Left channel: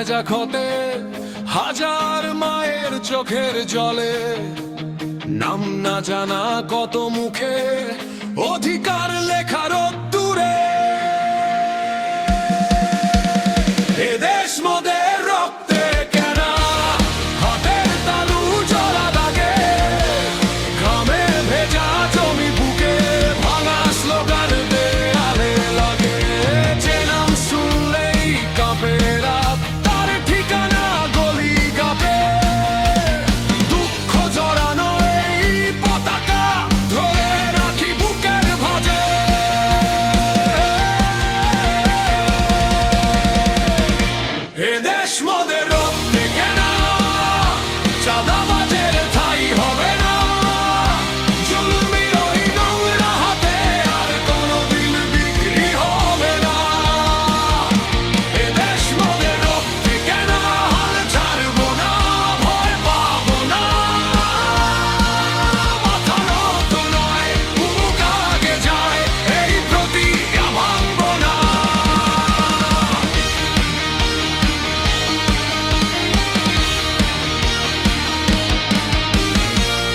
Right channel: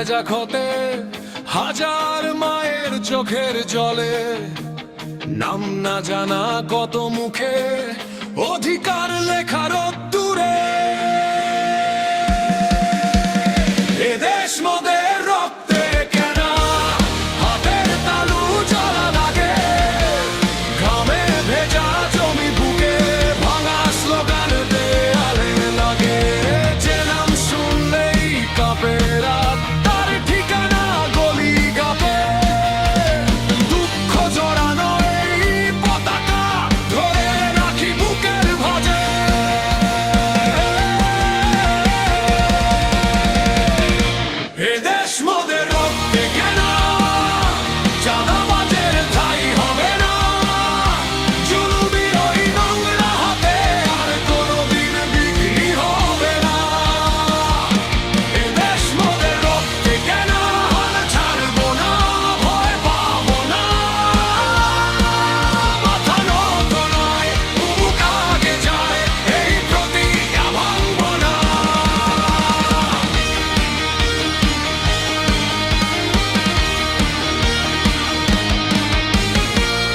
ভেজা ক্ষতে হাজার মায়ের চোখের জলে, নাম না জানা কত মুখে অধিকার লেখার দূরে। এদেশ মোদের রক্তে কেনা, হাতের তালু জলা দাগে, ঘামে ভেজা জমি বুকে ভাঙা স্লোগান দেয়ালে লাগে। যে নাম শুনলেই কাঁপে রাত, তার ঠিকানা গলি গাপে। দুঃখ জড়ানো এই পতাকা ধরে রাখি বুকের ভাঁজে। এদেশ মোদের রক্তে কেনা, চাঁদাবাজের ঠাঁই হবে না। জুলুমের ওই নোংরা হাতে আর কোনোদিন বিক্রি হবে না। এদেশ মোদের রক্তে কেনা, হাল ছাড়বো না, ভয় পাবো না। মাথা নত নয়, বুক আগে যায়, এই প্রতিজ্ঞা ভাঙবো না।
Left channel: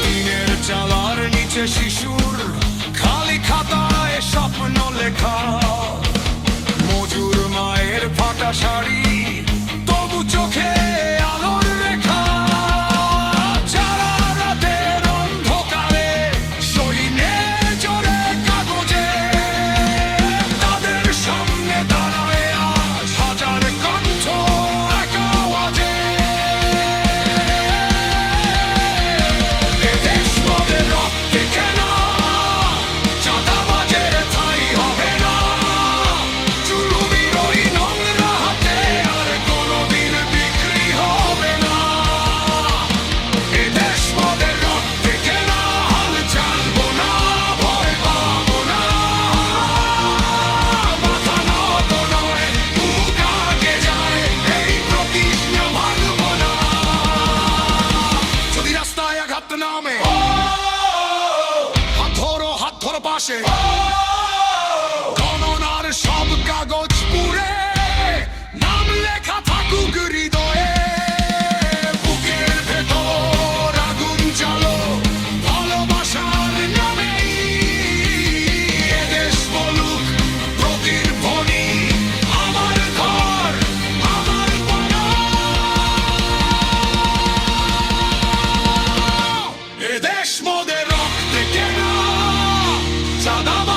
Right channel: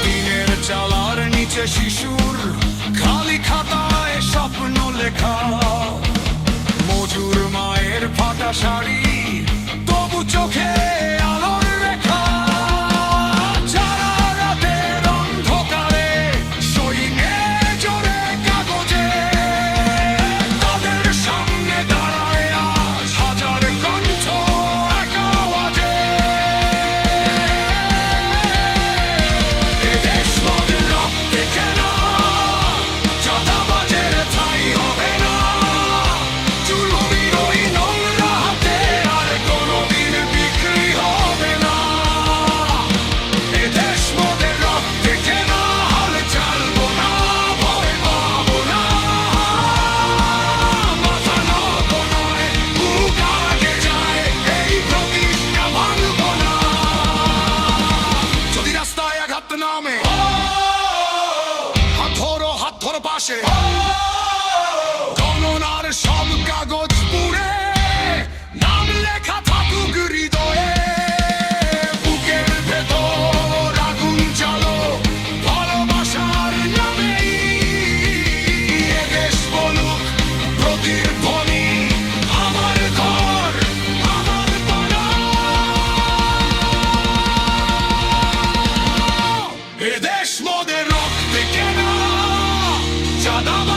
টিনের চালার নিচে শিশুর খালি খাতায় স্বপ্ন লেখা, মজুর মায়ের ফাটা শাড়ি তবু চোখে আলোর রেখা। যারা রাতের অন্ধকারে সৈন্যে জোরে কাগজে, তাদের সামনে দাঁড়ায় আজ হাজার কণ্ঠ এক আওয়াজে। এদেশ মোদের রক্তে কেনা, চাঁদাবাজের ঠাঁই হবে না। জুলুমের ওই নোংরা হাতে আর কোনোদিন বিক্রি হবে না। এদেশ মোদের রক্তে কেনা, হাল ছাড়বো না, ভয় পাবো না। মাথা নত নয়, বুক আগে যায়, এই প্রতিজ্ঞা ভাঙবো না। যদি রাস্তায় আঘাত নামে, হাত ধরো পাশে। গণনার সব কাগজ পুড়ে নাম লেখা থাকুক হৃদয়ে। বুকের ভেতর আগুন জ্বালো ভালোবাসার নামেই। এদেশ বলুক প্রতিধ্বনি, আমার ঘর আমার বানা। এদেশ মোদের রক্তে কেনা, চাঁদাবাজ